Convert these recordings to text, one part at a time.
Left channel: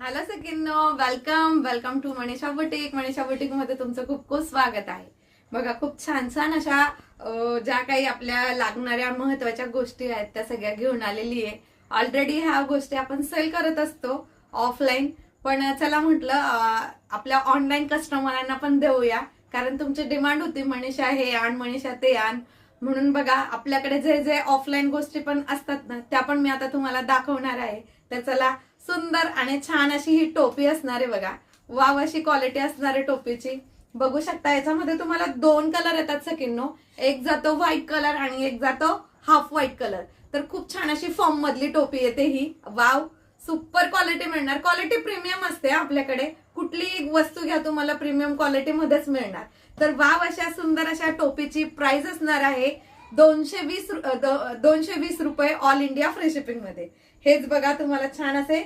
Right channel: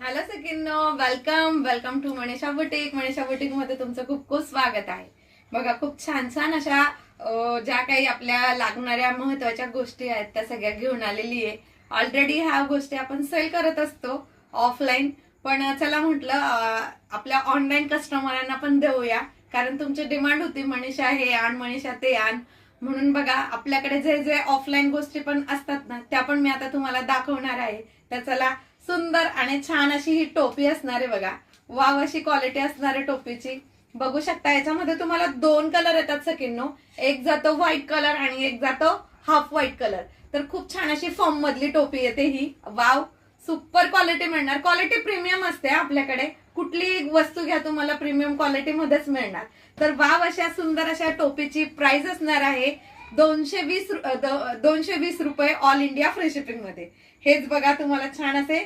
Hello सगळ्यांनो, welcome welcome to Manisha boutique. Manisha boutique मध्ये तुमचं खूप खूप स्वागत आहे. बघा, खूप छान छान अशा ज्या काही आपल्या लागणाऱ्या महत्वाच्या गोष्टी आहेत त्या सगळ्या घेऊन आलेली आहे. ऑलरेडी ह्या गोष्टी आपण सेल करत असतो ऑफलाईन, पण चला म्हटलं आपल्या ऑनलाईन कस्टमरांना पण देऊया, कारण तुमची डिमांड होती मनीषा हे आण, मनीषा ते आण. म्हणून बघा, आपल्याकडे जे जे ऑफलाईन गोष्टी पण असतात ना, त्या पण मी आता तुम्हाला दाखवणार आहे. तर चला, सुंदर आणि छान अशी ही टोपी असणार आहे. बघा, वाव अशी क्वालिटी असणार आहे टोपीची. बघू शकता, याच्यामध्ये तुम्हाला दोन कलर येतात सकिन्नो. एक जातो व्हाईट कलर आणि एक जातो हाफ व्हाईट कलर. तर खूप छान अशी फॉर्म मधली टोपी येते ही. वाव, सुपर क्वालिटी मिळणार. क्वालिटी प्रीमियम असते आपल्याकडे. कुठली वस्तू घ्या, तुम्हाला प्रीमियम क्वालिटी मध्येच मिळणार. तर वाव अशा सुंदर अशा टोपीची प्राइस असणार आहे 220 रुपये ऑल इंडिया फ्री शिपिंग मध्ये. हेच बघा, तुम्हाला छान असे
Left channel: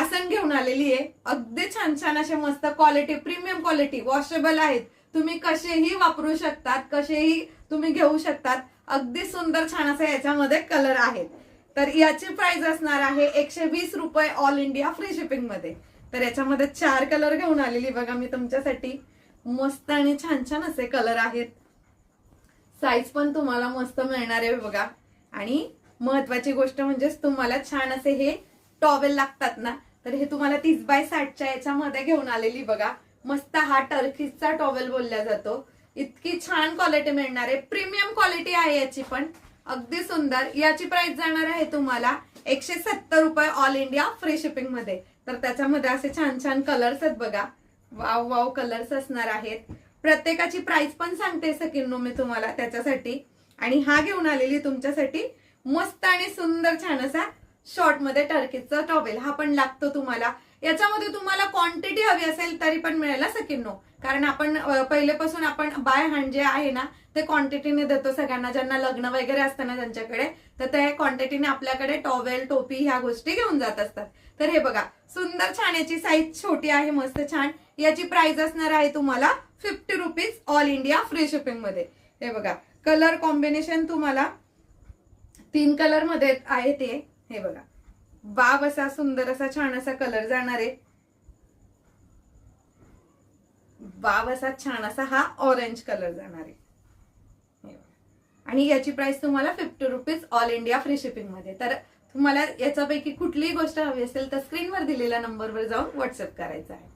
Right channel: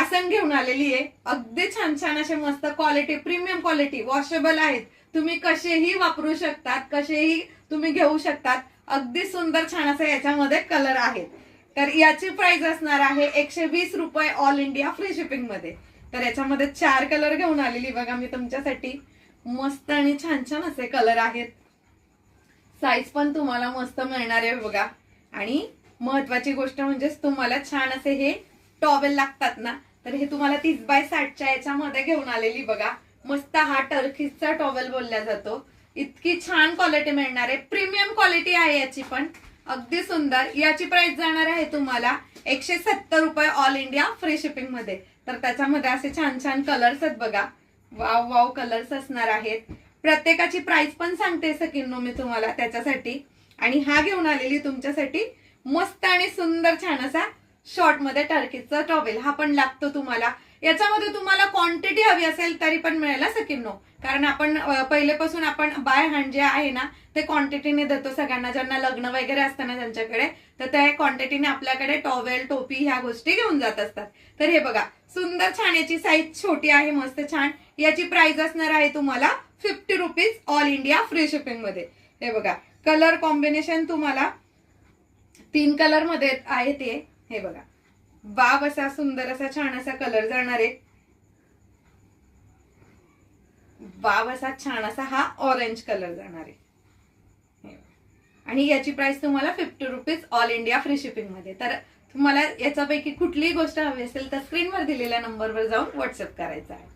आसन घेऊन आलेली आहे. अगदी छान छान असे मस्त क्वालिटी, प्रीमियम क्वालिटी, वॉशेबल आहेत. तुम्ही कसेही वापरू शकतात, कसेही तुम्ही घेऊ शकतात. अगदी सुंदर छान असे याच्यामध्ये कलर आहेत. तर याची प्राइस असणार आहे 120 रुपये ऑल इंडिया फ्री शिपिंग मध्ये. तर याच्यामध्ये 4 कलर घेऊन आलेली बघा मी तुमच्यासाठी. मस्त आणि छान छान असे कलर आहेत. साईज पण तुम्हाला मस्त मिळणार आहे बघा. आणि महत्वाची गोष्ट म्हणजे तुम्हाला छान असे हे टॉवेल लागतात ना, तर हे तुम्हाला 30x60च्या याच्यामध्ये घेऊन आलेली बघा. मस्त हा टर्कीजचा टॉवेल बोलला जातो. इतकी छान क्वालिटी मिळणार आहे. प्रीमियम क्वालिटी आहे याची पण. अगदी सुंदर. याची प्राइस जाणार आहे तुम्हाला 170 रुपये ऑल इंडिया फ्री शिपिंग मध्ये. तर त्याच्यामध्ये असे छान छान कलर्स आहेत बघा. वाव वाव कलर्स असणार आहेत. प्रत्येकाची प्राइस पण सांगते सकिन्नो मी तुम्हाला त्याच्यासाठी. आणि हा घेऊन आलेली तुमच्यासाठी मस्त आणि सुंदर छान असा शॉर्ट मध्ये टर्कीचा टॉवेल. हा पण लागतो तुम्हाला. याच्यामध्ये तुम्हाला क्वांटिटी हवी असेल तरी पण मिळेल सकिन्नो, कारण आपण पहिलेपासून आपण बाय हँड जे आहे ना ते क्वांटिटीने देतो सगळ्यांना. ज्यांना लग्न वगैरे असतं ना त्यांच्याकडे, तर त्या क्वांटिटीने आपल्याकडे टॉवेल, टोपी ह्या गोष्टी घेऊन जात असतात. तर हे बघा, सुंदर छान. याची साईज छोटी आहे, मस्त छान. याची प्राइस असणार आहे तुम्हाला 50 rupees all India free shipping मध्ये. हे बघा, कलर कॉम्बिनेशन तुम्हाला 3 कलर मध्ये आहे ते. हे बघा, वाव असा सुंदर असा छान असा कलर जाणार आहे. वाव असा छान असा हा ऑरेंज कलर जाणार आहे. आणि याची प्राइस तुम्हाला 50 rupees all India free shipping मध्ये. तर तुम्हाला याच्यापैकी कुठलीही गोष्ट हवी असेल तर स्क्रीनवर दिलेल्या नंबरवर जाऊन व्हॉट्सअप करायचा आहे.